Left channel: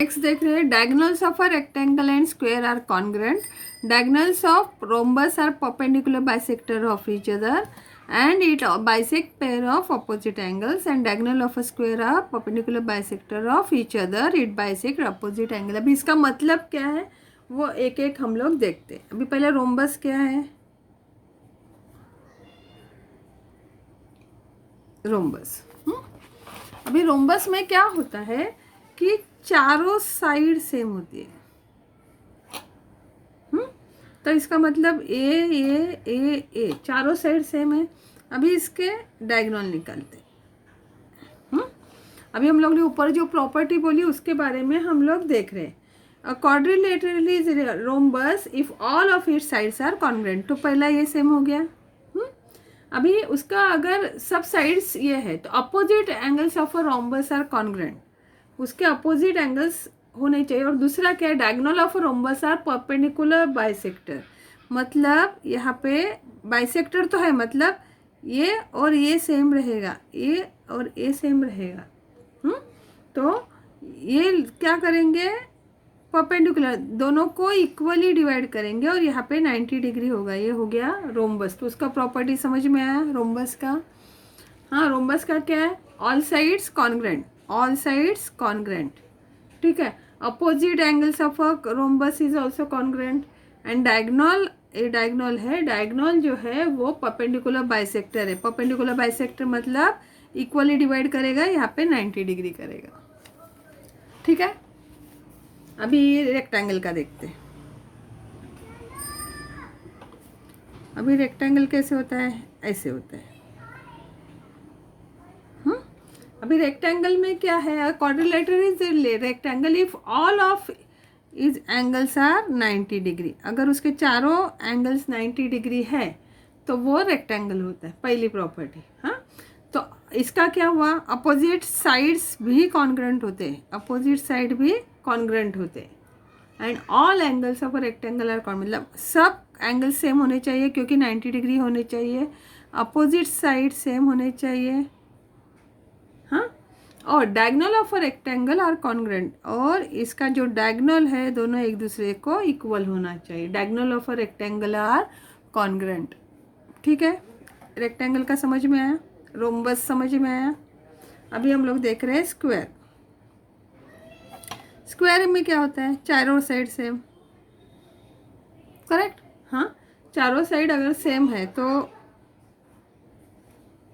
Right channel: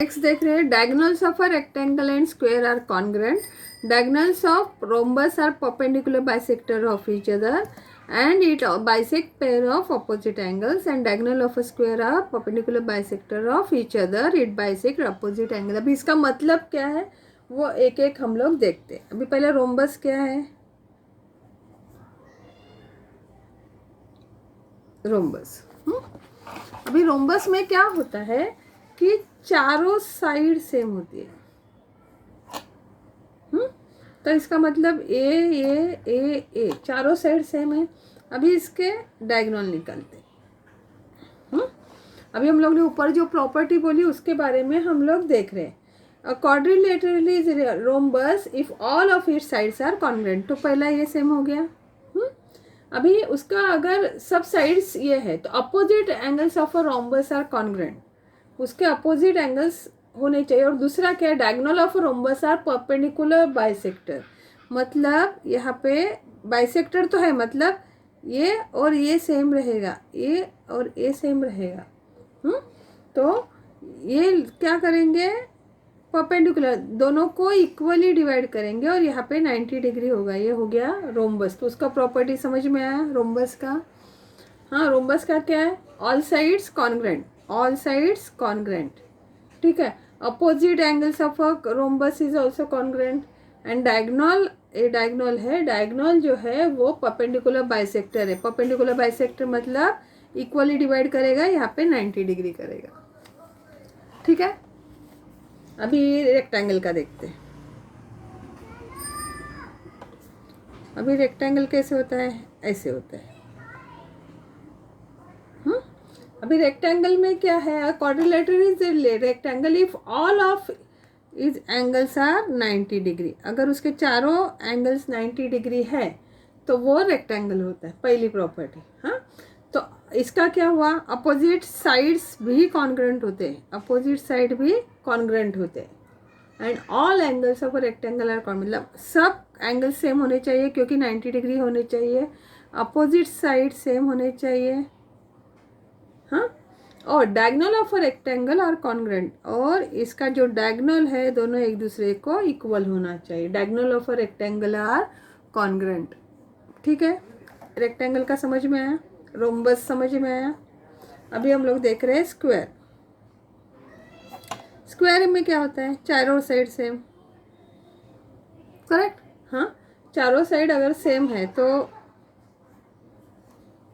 Next देख रहे हैं diagonals of a rectangle and square are congruent. Diagonals of rhombus are perpendicular bisector of each other and it bisect pair of opposite angles and diagonal of a square are perpendicular bisector of each other. It bisect opposite angle. अभी इसका मतलब क्या है वो एक एक हम लोग देखते हैं. अभी पहले रोम्बस क्या है. रोम्बस अभी रोम्बस में क्या होता है कि चारों साइड सेम होती है. तो इसका मतलब ए चारों साइड सेम है. अभी इसके डायगोनल निकालते हैं. अभी हम लोग ने ऊपर जो प्रॉपर्टी बोली उसके बारे में हम लोग देख रहे हैं. Quadrilateral is rhombus if all of its sides are congruent. तो पहला ये सेम हो गया. अभी उसका अगर सब साइड्स ये है तो opposite angles of a rhombus are congruent. उसके अपोजिट एंगल्स होने चाहिए. और दूसरा क्या है, diagonal of rhombus are perpendicular bisector. मतलब यहाँ पे बाइसेक्टर तो है, मतलब ये और ये सेम रहेगा, ये और ये सेम रहेगा. तो ये क्या करेंगे, परपेंडिकुलर दोनों को इक्वली डिवाइड करेंगे और यहाँ पे 90 डिग्री होगा. ये हो गया रोम्बस. तो उसका प्रॉपर्टी समझ में आया रोम्बस का. हाँ, रोम्बस का क्या है, all sides congruent. All sides congruent. ठीक है. Opposite angles of a rhombus is also congruent. And diagonal, ये डायगोनल है. डायगोनल जो है वो परपेंडिकुलर बाइसेक्टर है. परपेंडिकुलर बाइसेक्टर मतलब इक्वली डिवाइड करेगा, यहाँ पे 90 डिग्री करेगा. ठीक है. अभी रेक्टेंगल का देखते हैं. अभी रेक्टेंगल कैसे होता है, ऐसे होता है. अभी रेक्टेंगल में क्या है, quadrilateral is rectangle if all of is angles are 90 degree. अगर उसके चारों एंगल्स 90 डिग्री है तो वो रेक्टेंगल होता है. पहली प्रॉपर्टी. हाँ, तो इसका क्या हुआ, अपोजिट साइड्स भी कॉन्ग्रुएंट होते हैं. अपोजिट साइड भी कॉन्ग्रुएंट होते हैं. And all angles of a rectangle are congruent. मतलब सब एंगल सेम होने चाहिए क्योंकि 90 डिग्री होने चाहिए. अपोजिट साइड सेम होने चाहिए. हाँ, और diagonal of a rectangle are congruent. और इसका जो डायगोनल है दोनों एक दूसरे को इक्वल होना चाहिए. Diagonal of a rectangle are congruent. ठीक है. रेक्टेंगल का समझ में आया, रोम्बस समझ में आया. अभी हम लोग देख रहे हैं स्क्वायर. स्क्वायर में क्या होता है, चारों साइड सेम. करेक्ट. हाँ, चारों साइड अगर सेम है तो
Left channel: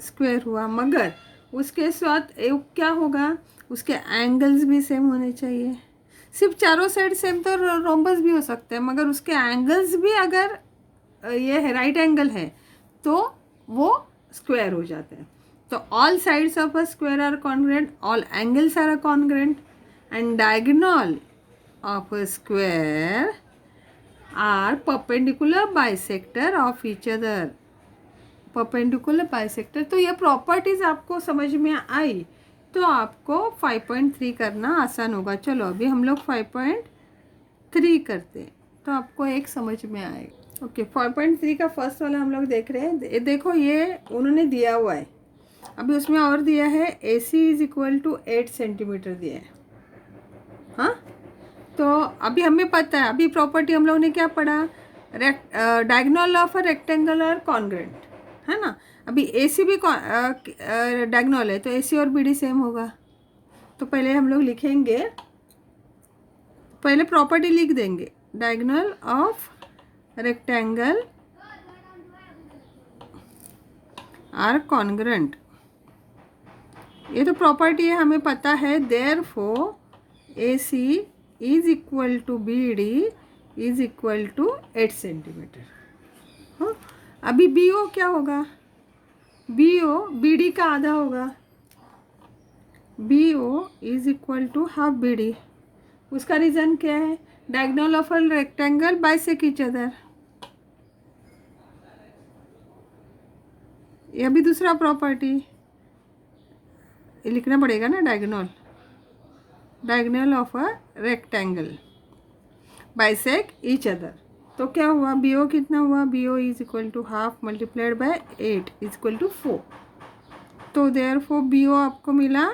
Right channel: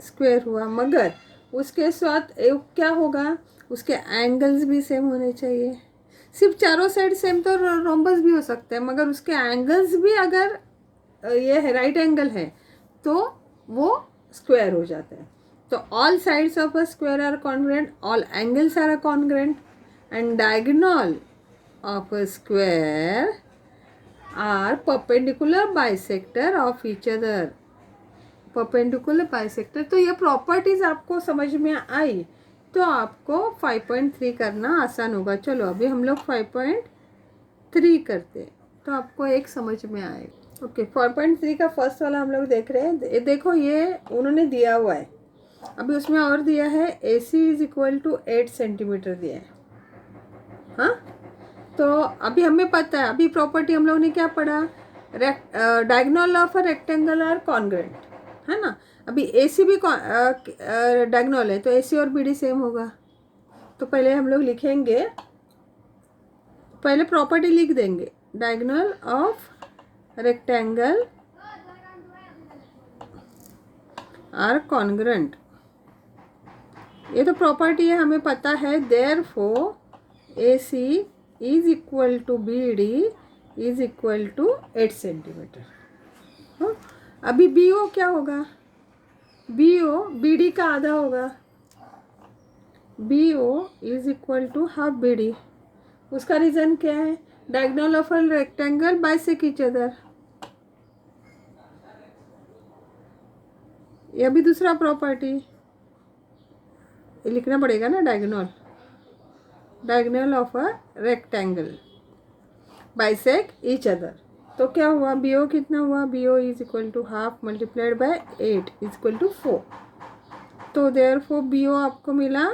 स्क्वायर हुआ. मगर उसके साथ क्या होगा, उसके एंगल्स भी सेम होने चाहिए. सिर्फ चारों साइड सेम तो रोम्बस भी हो सकते हैं, मगर उसके एंगल्स भी अगर ये है राइट एंगल है तो वो स्क्वायर हो जाते हैं. तो all sides of a square are congruent, all angles are congruent and diagonal of a square are perpendicular bisector of each other. Perpendicular bisector. तो ये प्रॉपर्टीज आपको समझ में आई तो आपको 5.3 करना आसान होगा. चलो अभी हम लोग 5.3 करते तो आपको एक समझ में आएगा. ओके, 5.3 का फर्स्ट वाला हम लोग देख रहे हैं. देखो ये उन्होंने दिया हुआ है. अभी उसमें और दिया है AC is equal to 8 centimetre दिया है. हाँ, तो अभी हमें पता है, अभी प्रॉपर्टी हम लोग ने क्या पढ़ा, diagonal of a rectangle are congruent है ना. अभी AC भी डायगोनल है तो AC और BD सेम होगा. तो पहले हम लोग लिखेंगे, पहले प्रॉपर्टी लिख देंगे, diagonal of rectangle are congruent. ये तो प्रॉपर्टी है, हमें पता है. Therefore AC is equal to BD is equal to 8 centimetre. हाँ, अभी BO क्या होगा, BO BD का आधा होगा. BO is equal to half BD. उसका रीज़न क्या है, diagonal of a rectangle bisect each other. ये भी दूसरा प्रॉपर्टी लिखना पड़ेगा ना, diagonal of a rectangle bisect each other. तो क्या हुआ, BO कितना हुआ, BO is equal to half multiplied by 8 is equal to 4. तो देयरफॉर BO आपको मिला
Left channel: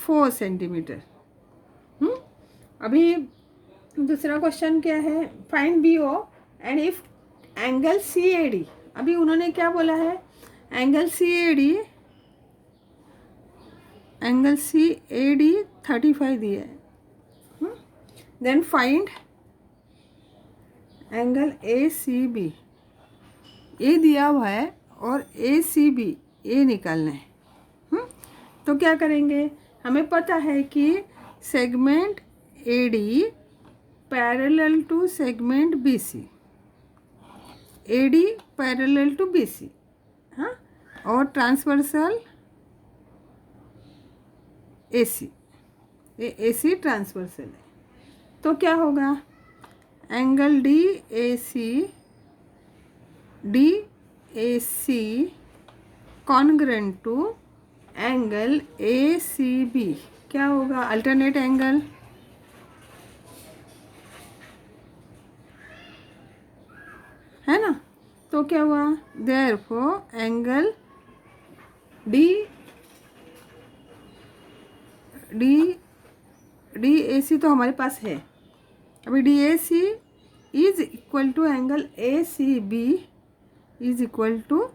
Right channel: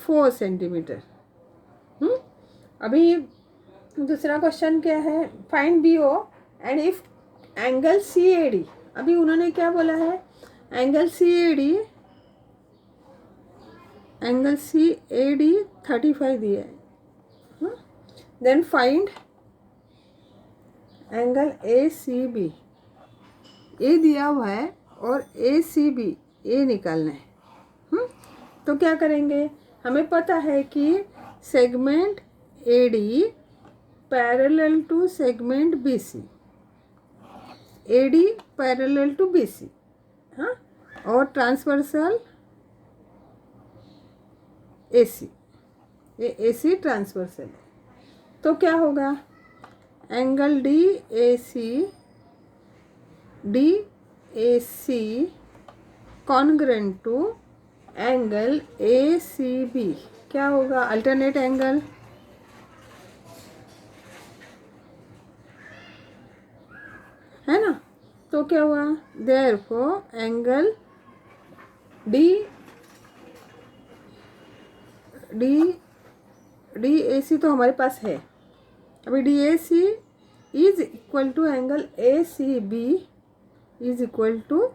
4 सेंटीमीटर. अभी दूसरा क्वेश्चन क्या है, find B O and if angle C A D. अभी उन्होंने क्या बोला है, angle C A D, angle C A D 35 दिया है। Then find angle A C B, A दिया हुआ है और ए सी बी ए निकालना है। तो क्या करेंगे, हमें पता है कि segment A D parallel to segment B C, A D parallel to B C, हाँ, और ट्रांसवर्सल ए सी, ये ए सी ट्रांसवर्सल है। तो क्या होगा, angle D A C congruent to angle A C B, क्या होगा, अल्टरनेट एंगल, है ना। तो क्या हुआ, therefore angle D A C तो हमारे पास है। अभी D A C is equal to angle A C B is equal to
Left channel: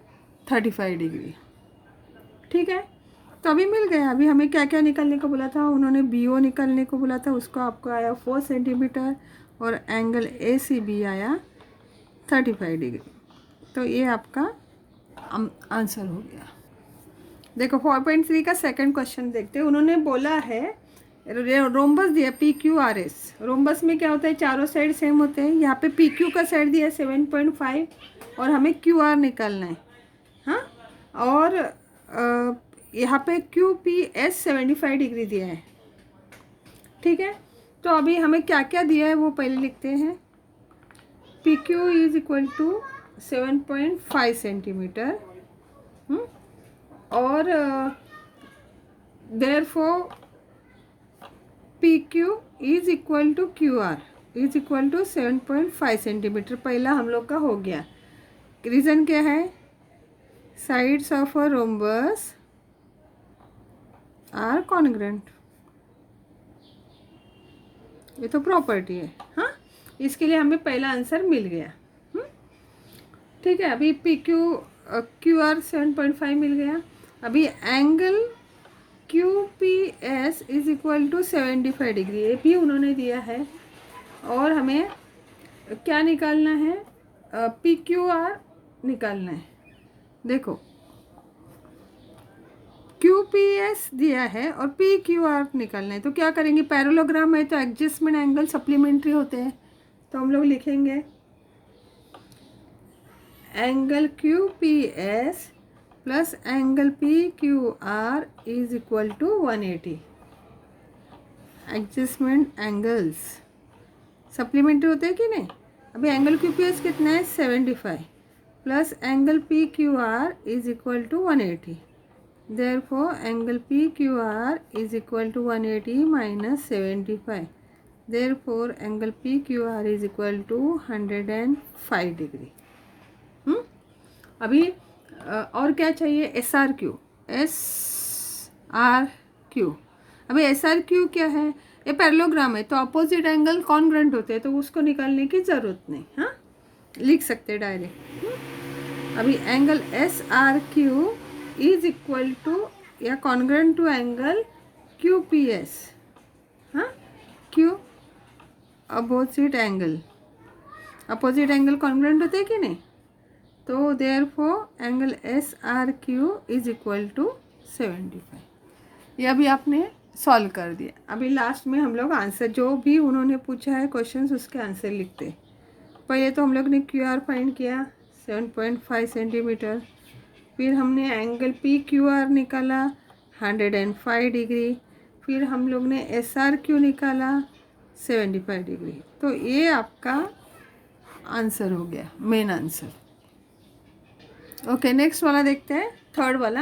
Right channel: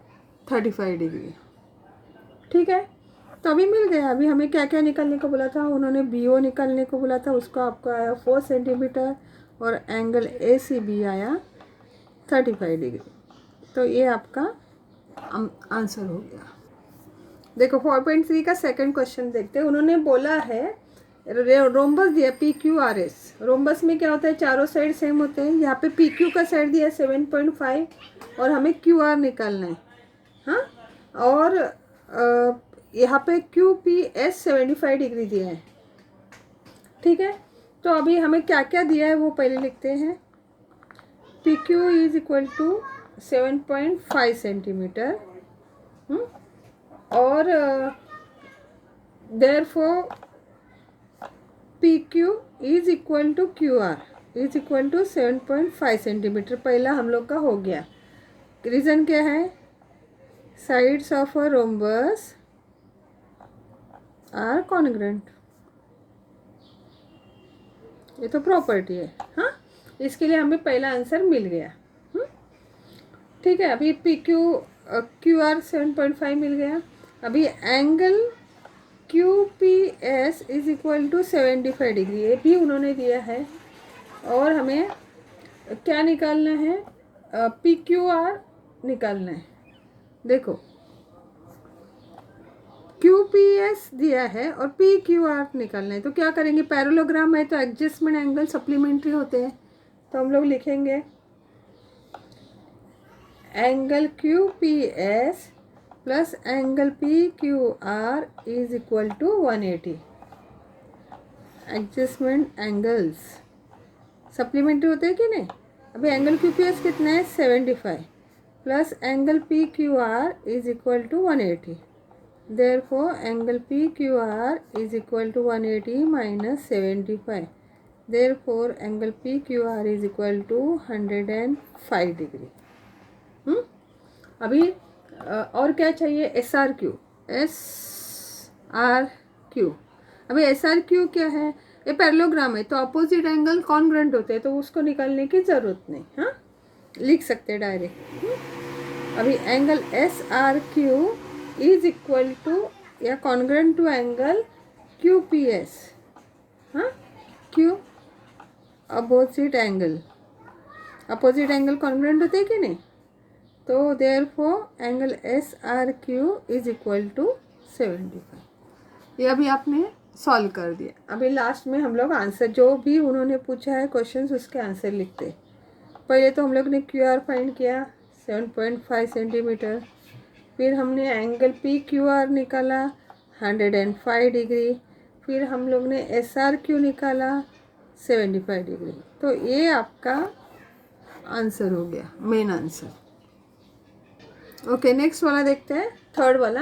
35 degree. ठीक है, तो अभी मिल गया। अभी हमें क्या क्या निकालने को बोला था, उन्होंने बी ओ निकालने को बोला था, उसको आपको आया 4 सेंटीमीटर और एंगल ए सी बी आया 35 डिग्री। तो ये आपका आंसर हो गया। देखो 4.3 का सेकंड क्वेश्चन देखते हैं। उन्होंने बोला है रोम्बस दिया P Q R S. Rhombus में क्या होता है, चारों साइड सेम होते हैं। यहाँ पे पी क्यू का साइड दिया है 7.5 और हमें क्यू आर निकालना है, हाँ। और यहाँ पे क्यू पी एस 75 डिग्री दिया है। ठीक है, तो अभी हमें क्या क्या दिया है वो पहले लिखते हैं। P Q is equal to 7.5 centimetre और therefore P Q is equal to Q R is equal to 7.5 centimetre. पहला हम लोग का हो गया। रीज़न क्या है, sides of a rhombus are congruent, ये तो प्रॉपर्टी है, हाँ। इसके लिए हमें पहला आंसर मिल गया। ठीक है, अभी पी क्यू आर 7.5 मिल गया। अभी angle Q P S is equal to 75 degree, ये भी उन्होंने दिया है। और हमें क्या निकालना है, पी क्यू आर निकालना है। देखो क्यू पी एस दिया है और पी क्यू आर निकालना है। तो क्या करेंगे, पैरेललोग्राम है तो एडजस्टमेंट एंगल सप्लीमेंट्री होते हैं। तो हम लोग लिखेंगे angle Q P S plus angle P Q R is equal to 180। Adjustment angles supplementary होते हैं कि नहीं। अभी एंगल क्यू पी एस कितना है 75 plus angle P Q R is equal to 180। Therefore angle P Q R is equal to 180 minus 75। Therefore angle P Q R is equal to 105 degree. अभी और क्या चाहिए, S R Q, S R Q. अभी S R Q क्या है, ये parallelogram है तो अपोजिट एंगल कॉन्ग्रेंट होते हैं, तो उसको निकालने की ज़रूरत नहीं, हाँ, लिख सकते हैं डायरेक्ट। अभी angle S R Q is equal to या congruent to angle Q P S, हाँ, क्यू अपोजिट एंगल कॉन्ग्रेंट होते हैं कि नहीं। तो therefore angle S R Q is equal to 75। ये अभी आपने सॉल्व कर दिया। अभी लास्ट में हम लोग आंसर जो भी उन्होंने पूछा है क्वेश्चंस उसके आंसर लिखते। पहले तो हम लोग ने क्यू आर फाइंड किया 7.5 सेंटीमीटर, फिर हमने एंगल पी क्यू आर निकाला 105 डिग्री, फिर हम लोग ने एस आर क्यू निकाला 75 डिग्री। तो ये आपका आंसर हो गया, मेन आंसर। ओके, नेक्स्ट वाला देखते हैं, थर्ड वाला।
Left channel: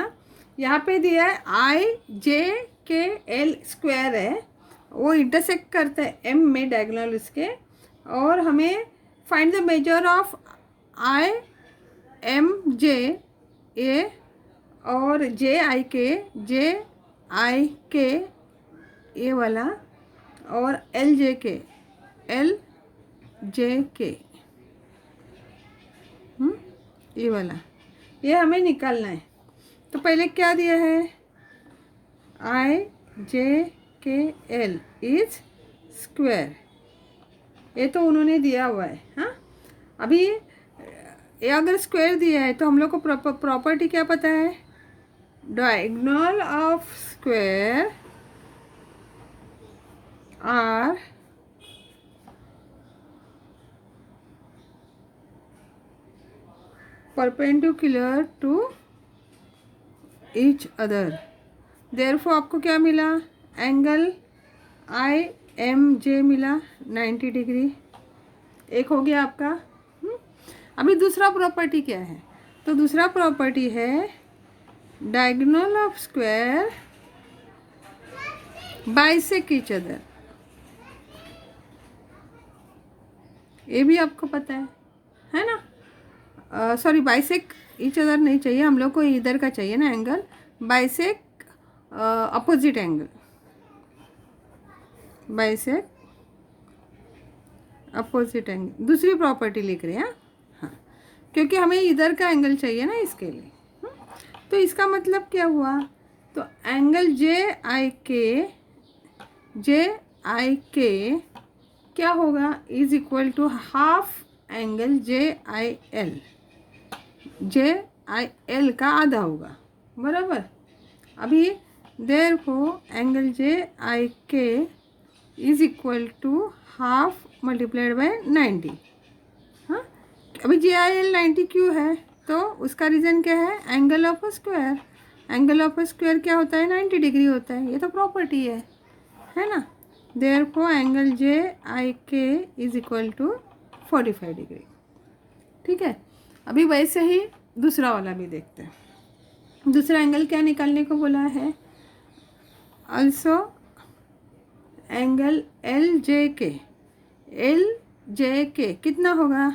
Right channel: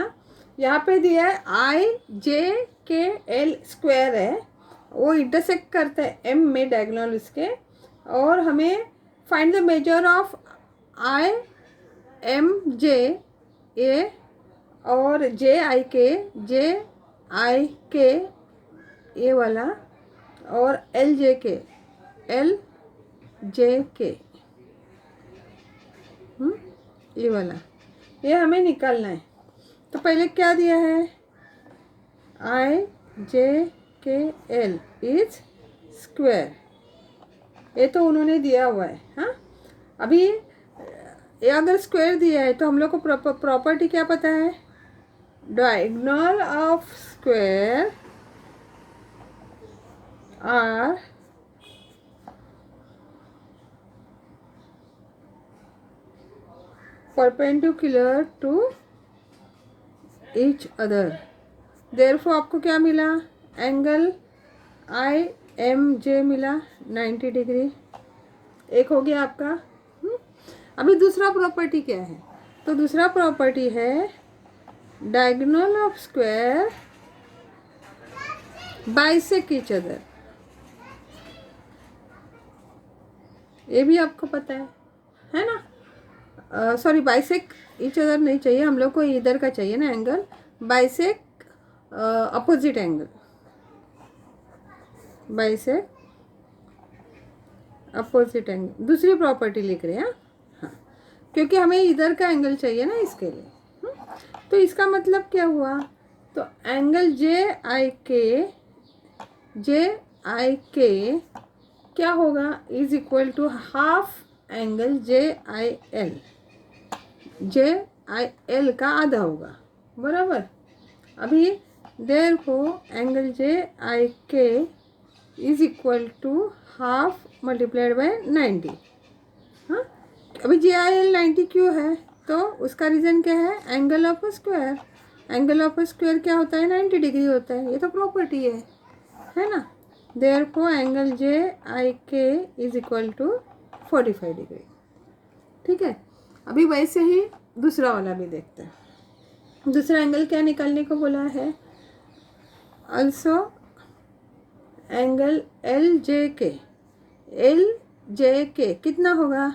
यहाँ पे दिया है आई जे के एल स्क्वायर है, वो इंटरसेक्ट करता है एम में डायगोनल इसके, और हमें find the measure of I M J A और जे आई के ये वाला, और एल जे के, एल जे के, ये वाला, ये हमें निकालना है। तो पहले क्या दिया है, आई जे के एल इज स्क्वायर, ये तो उन्होंने दिया हुआ है। हाँ, अभी ये अगर स्क्वायर दिया है तो हम लोग को प्रॉपर्टी क्या पता है, diagonal of square are perpendicular to each other. Therefore आपको क्या मिला, एंगल आई एम जे मिला 90 डिग्री, एक हो गया आपका। अभी दूसरा प्रॉपर्टी क्या है, तो दूसरा प्रॉपर्टी है diagonal of square bisect each other, ये भी आपको पता है ना। सॉरी, बाइसेक ईच अदर नहीं चाहिए हम लोग को, इधर का चाहिए ना angle, bisect opposite angle, bisect opposite angle, दूसरी प्रॉपर्टी लिख रहे हैं। हाँ, क्योंकि हमें इधर का एंगल चाहिए ना इसके लिए। तो इसका मतलब क्या हुआ, तो एंगल जे आई के क्या होगा, is equal to half angle J I L का आधा होगा, बराबर। अभी therefore angle J I K is equal to half multiplied by 90। हाँ, अभी जे आई एल 90 क्यों है, तो उसका रीज़न क्या है, angle of a square. Angle of a square क्या होता है, 90 डिग्री होता है, ये तो प्रॉपर्टी है ना। Therefore angle J I K is equal to 45 degree. ठीक है, अभी वैसे ही दूसरा वाला भी देखते हैं। दूसरा एंगल क्या निकालने को बोला है, also एंगल एल जे के कितना होगा,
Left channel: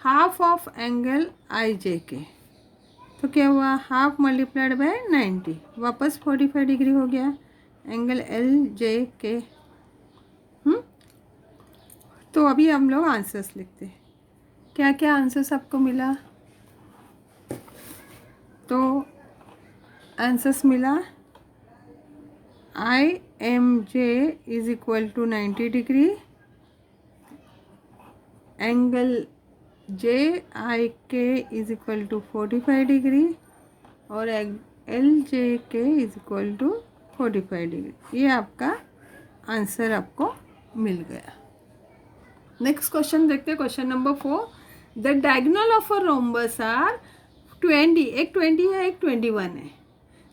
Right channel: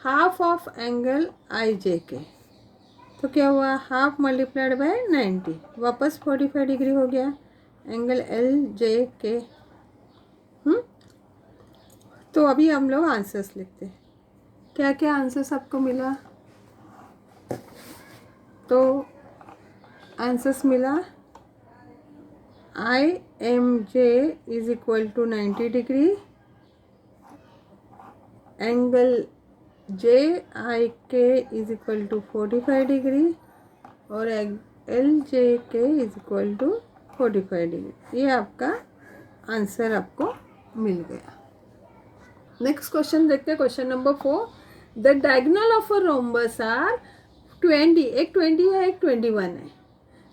हाफ ऑफ एंगल आई जे के, तो क्या हुआ, हाफ मल्टीप्लाइड बाय 90, वापस 45 डिग्री हो गया एंगल एल जे के। तो अभी हम लोग आंसर्स लिखते हैं, क्या क्या आंसर्स आपको मिला, तो आंसर्स मिला I M J is equal to 90 degree, angle J I K is equal to 45 degree, और L J K is equal to 45 degree. ये आपका आंसर आपको मिल गया। नेक्स्ट क्वेश्चन देखते हैं, question number 4। The diagonal of a rhombus are 20, एक 20 है एक 21 है।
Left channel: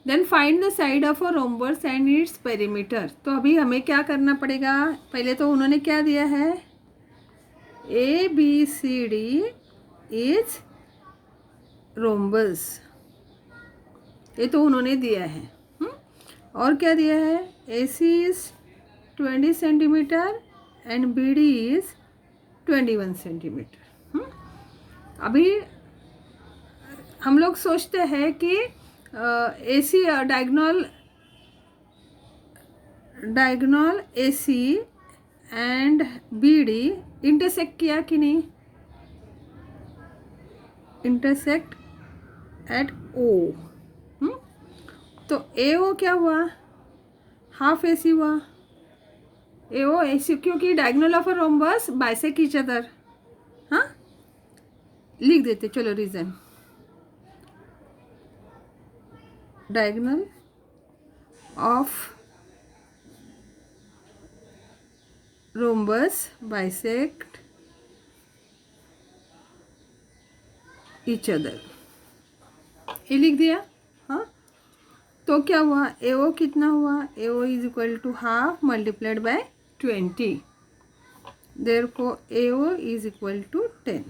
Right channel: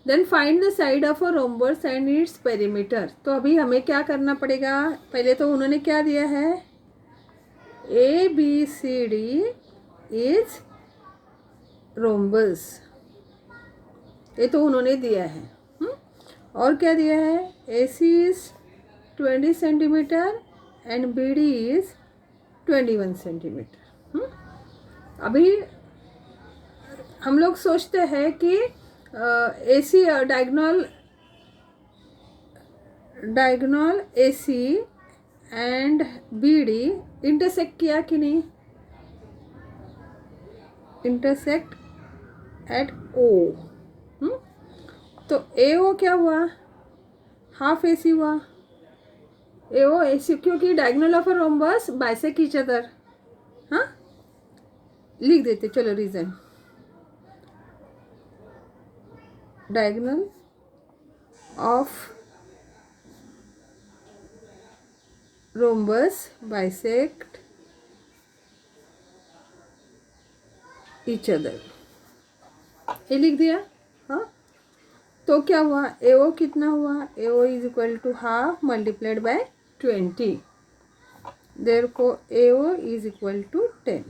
Then find the side of a rhombus and its perimeter. तो अभी हमें क्या करना पड़ेगा, पहले तो उन्होंने क्या दिया है, A B C D is rhombus, ये तो उन्होंने दिया है। और क्या दिया है, A C is 20 centimetre and B D is 21 centimetre. अभी हम लोग सोचते हैं कि A C diagonal A C and B D intersect किया कि नहीं, इंटरसेक्ट एट ओ। तो ए ओ क्या हुआ, हाफ ए सी हुआ, ए ओ ए सी, क्योंकि diagonal of a rhombus bisect each other. हाँ, लिख देते चलो reason, diagonal of rhombus bisect each other, ये लिख दिया। हाँ, तो क्या हुआ, ए ओ कितना हुआ, A O is equal to half multiplied by 20, therefore A O is equal to 10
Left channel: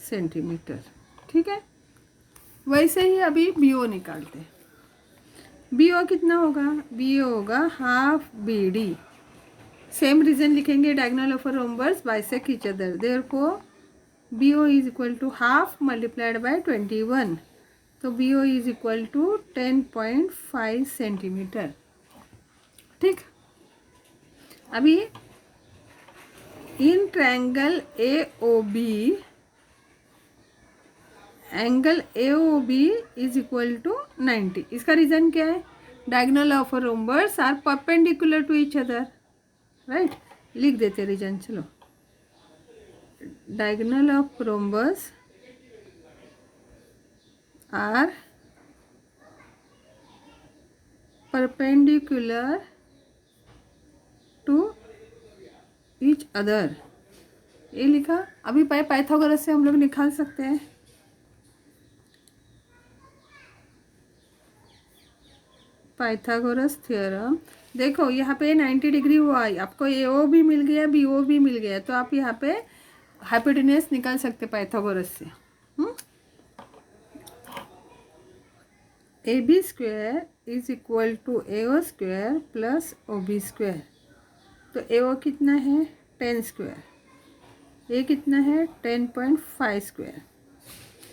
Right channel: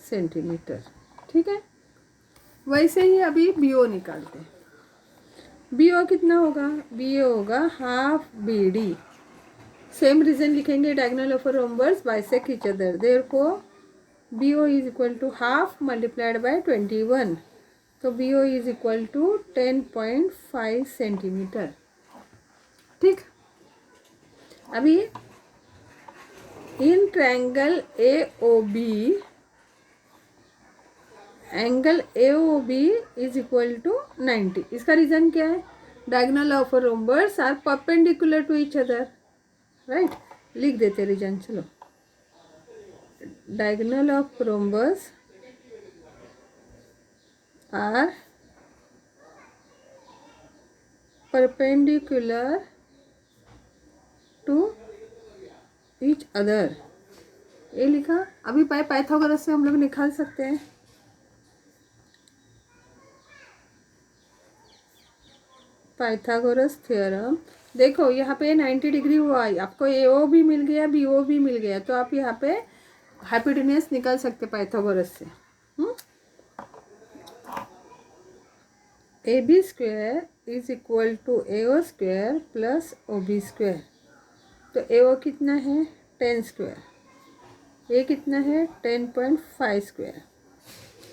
centimetre. ठीक है, वैसे ही अभी बी ओ निकालते हैं। बी ओ कितना होगा, बी ओ होगा half B D, same reason लिखेंगे, diagonal of a rhombus bisect each other, therefore B O is equal to half multiplied by 21, तो B O is equal to 10.5 centimetre. ठीक, अभी in triangle A O B, angle A O B is equal to 90। इसका reason क्या है? Diagonal of rhombus are perpendicular to each other, right. लिख देते reason, चलो। Diagonal of rhombus are perpendicular to each other, ये लिखा। अभी Pythagoras से हम लोग निकाल सकते हैं। पाइथागोरस थ्योरम, देखो यहाँ पे 90 डिग्री हुआ, आपको ए ओ भी मिल गया, बी ओ भी मिल गया, तो आप यहाँ पे हाइपोटेन्यूज निकाल सकते पाइथागोरस से। A B square is equal to A O square plus O B square. तो ए ओ कितना है? 10 स्क्वायर, ये कितना है? 10.5 स्क्वायर।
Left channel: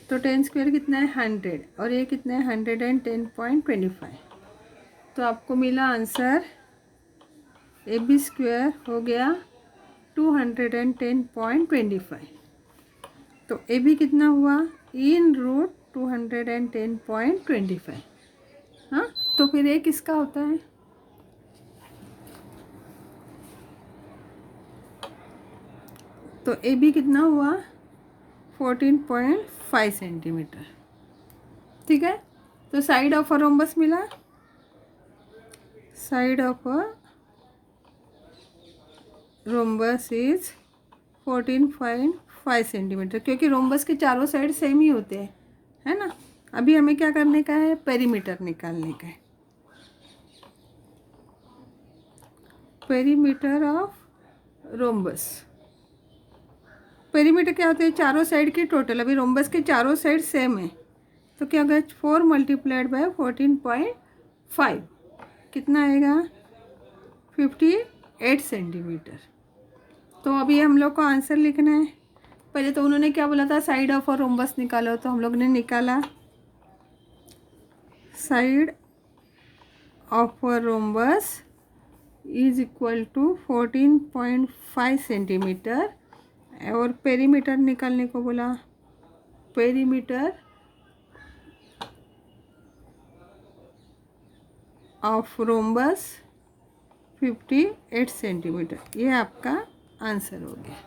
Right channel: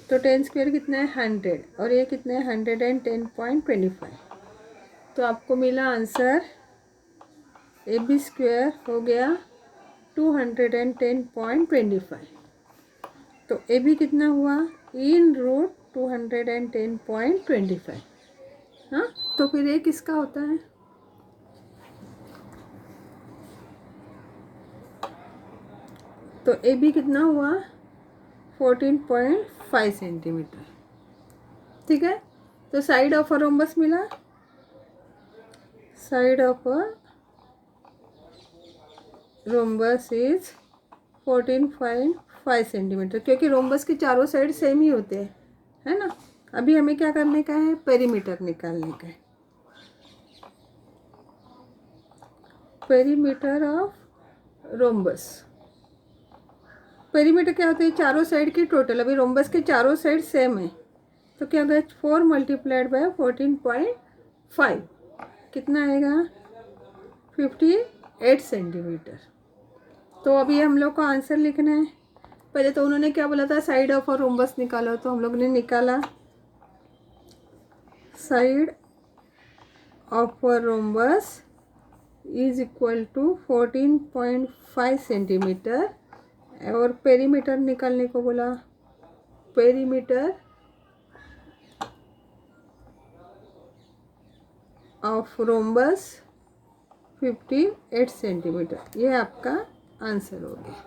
तो 10 स्क्वायर कितना है? 100, और ये कितना है? 110.25। तो आपको मिला आंसर ए बी स्क्वायर हो गया 210.25। तो ए बी कितना हुआ? इन रूट 210.25। हाँ, तो फिर ये किसका होता है? तो ए बी कितना हुआ? 14.5 सेंटीमीटर, ठीक है। तो साइड ऑफ अ रोम्बस मिला, side of a rhombus is 14.5 centimetre, क्योंकि रोम्बस के चारों साइड सेम ही होते हैं, है ना। अभी हमें क्या करने का है? पेरीमीटर निकालने का है। पेरीमीटर ऑफ रोम्बस, पेरीमीटर क्या होते हैं? चारों साइड के टोटल। अभी रोम्बस के चारों साइड सेम है, तो क्या होगा? 4 मल्टीप्लाइड बाय 14.5 कितना आएगा? 58 सेंटीमीटर। तो अभी हम लोग को आंसर लिखना है। पहले तो उन्होंने क्या बोला था? साइड ऑफ और रोम्बस निकालो, तो हम लोग ने निकाला side of a rhombus is equal to 14.5 centimetre, और पेरीमीटर निकालने को बोला। पेरीमीटर ऑफ रोम्बस 58 सेंटीमीटर, ये आपका आंसर हो गया।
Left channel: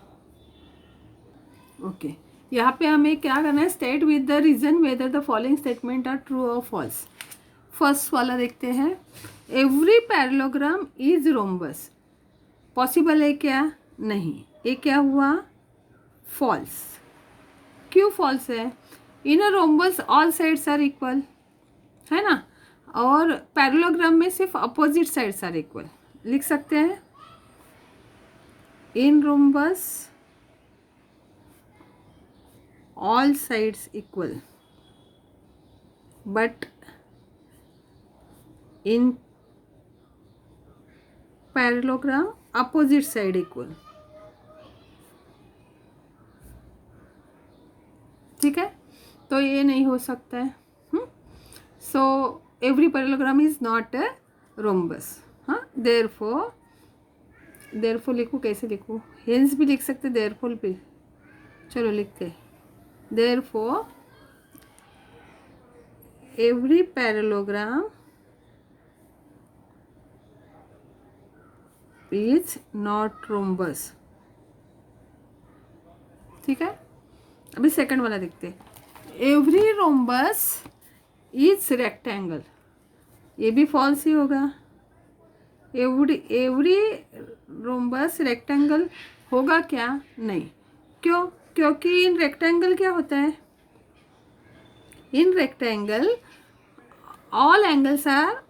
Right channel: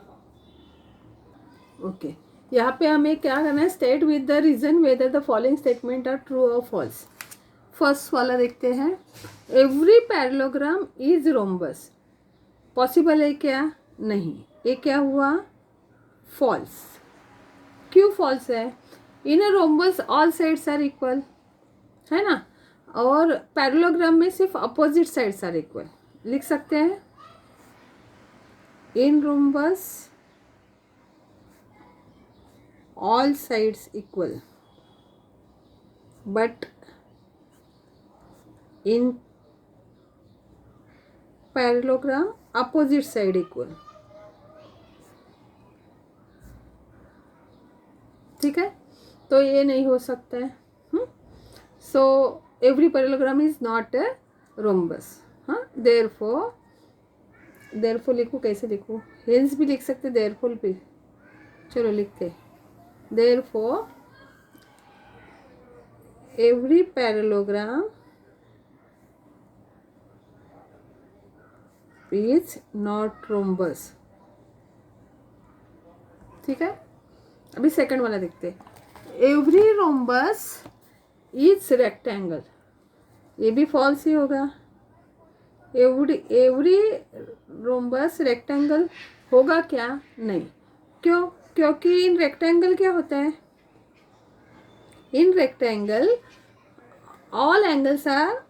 ओके, यहाँ पे हमें क्या करना है? State with the reason whether the following statement are true or false. First वाला देखते हैं। Every parallelogram is rhombus, possible है क्या? नहीं। ये क्या हुआ? फॉल्स। क्यों फॉल्स है? In a rhombus all sides are equal, है ना, और पैरेललोग्राम में सिर्फ अपोजिट साइड्स आर इक्वल। लिख सकते हैं इन rhombus all sides equal, but in parallelogram opposite side equal, ठीक है। तो ये नहीं हो सकता है। So every parallelogram is not a rhombus. हाँ, देयरफॉर लिखूँ, कैसे लिखूँ? हेंस भी लिख सकते, देयरफॉर भी। चलो लिखते। Therefore, every parallelogram is not rhombus, ठीक है। अभी सेकंड वाला देखते हैं। एवरी रोम्बस इज रेक्टेंगल, ये भी फॉल्स ही होगा। एवरी रोम्बस रेक्टेंगल होगा क्या? नहीं। क्यों? क्योंकि इन रेक्टेंगल क्या होता है? In rectangle all angles are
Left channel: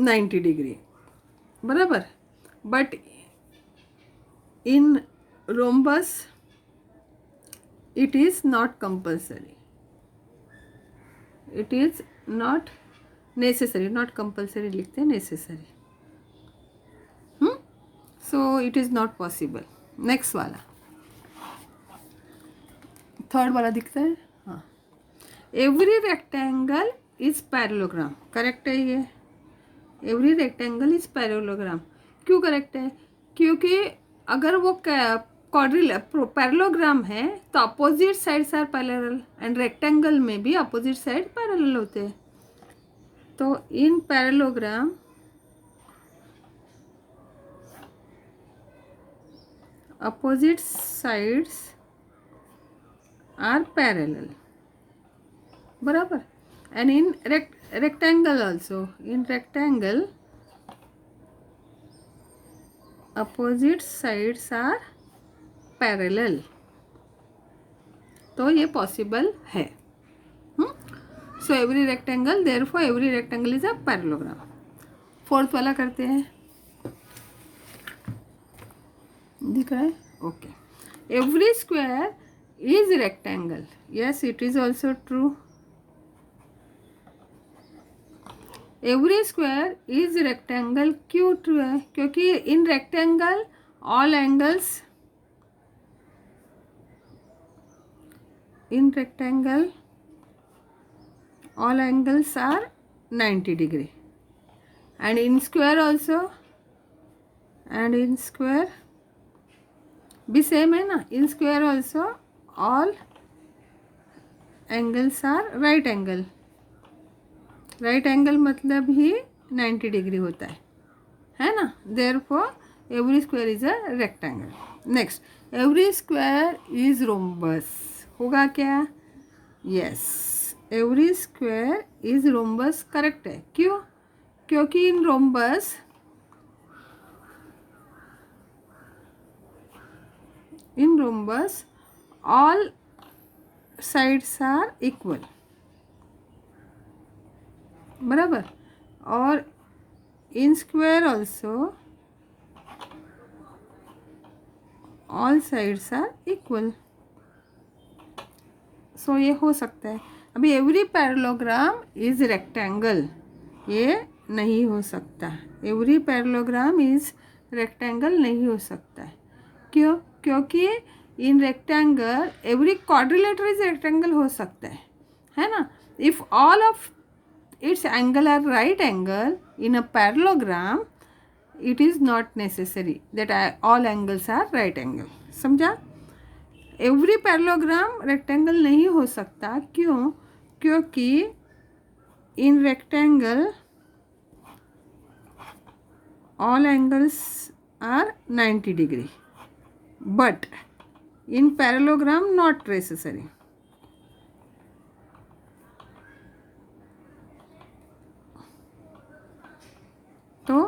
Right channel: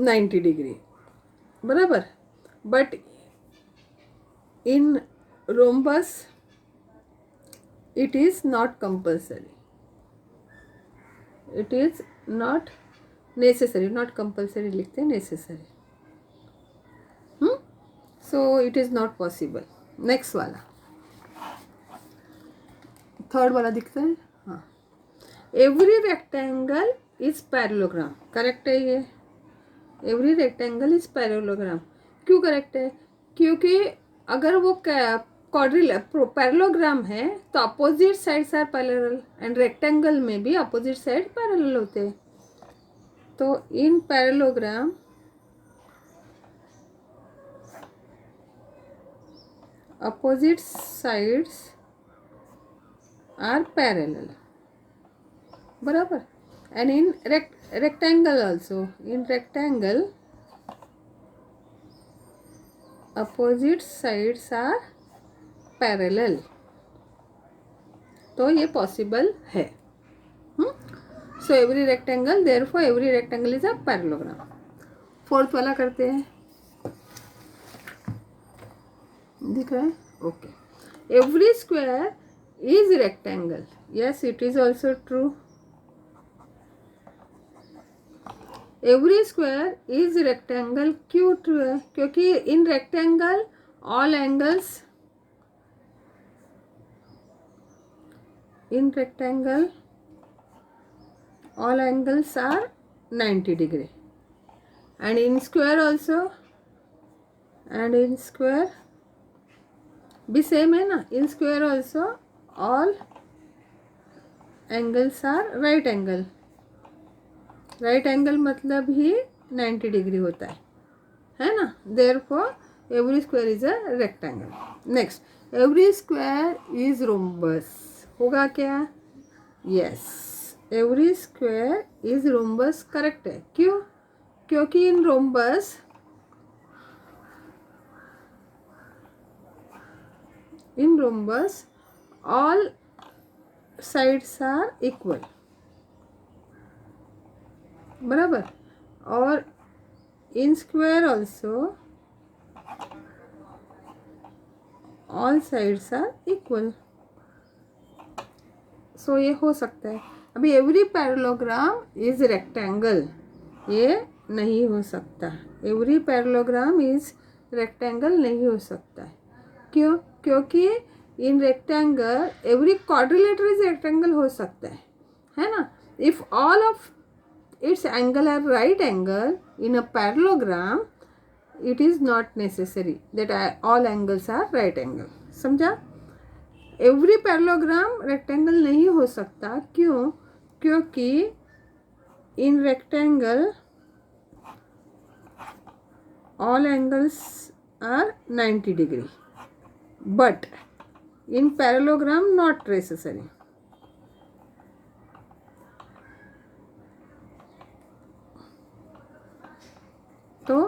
90 degree, बराबर। But in rhombus it is not compulsory, it is not necessary, not compulsory लिखते हैं, necessary. So it is not possible. Next वाला, थर्ड वाला दिखता है। हाँ, every rectangle is parallelogram, correct है ये। Every rectangle is parallelogram. क्यों करेक्ट है? क्योंकि अगर वो पैरेललोग्राम है तो opposite sides are parallel, and rectangle में भी अपोजिट साइड पैरेलल होते हैं। तो इन parallelogram opposite sides are parallel, बराबर। and in rectangle also, in rectangle opposite sides are parallel, तो ये पॉसिबल है। So every rectangle, therefore every rectangle is a parallelogram. Fourth वाला करते हैं, दिख रहा है? Okay. Every square is rectangle, yes it is also true. Every square is rectangle, क्यों ट्रू है? क्योंकि in rectangle all angles, in rectangle all angles are 90 degree, and in square also, and in square भी same है ना, in square also all angles are right angle, right angle मतलब ही 90 degree होता है ना। therefore every square is a rectangle. next, every square is rhombus, होगा क्या? yes, every square is rhombus, correct है। क्यों? क्योंकि in rhombus all sides are equal, बराबर। और in square also all sides are equal, so ये हो सकता है। अभी एवरी पैरेललोग्राम इज रेक्टेंगल, ये नहीं हो सकता। एवरी पैरेललोग्राम इज रेक्टेंगल नहीं हो सकता है। क्यों? क्योंकि in rectangle every quadrilateral is rectangle हो सकता है ना। If all of its angle are right angle in a parallelogram, it is not necessary that all angles are right angle. समझा? एवरी पैरेललोग्राम रेक्टेंगल नहीं हो सकता। क्यों? क्योंकि in rectangle all angles are 90 degree, but in parallelogram not necessary. तो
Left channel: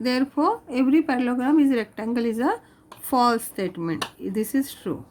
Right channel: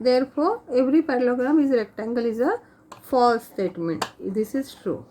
therefore every parallelogram is rectangle is a false statement, this is true.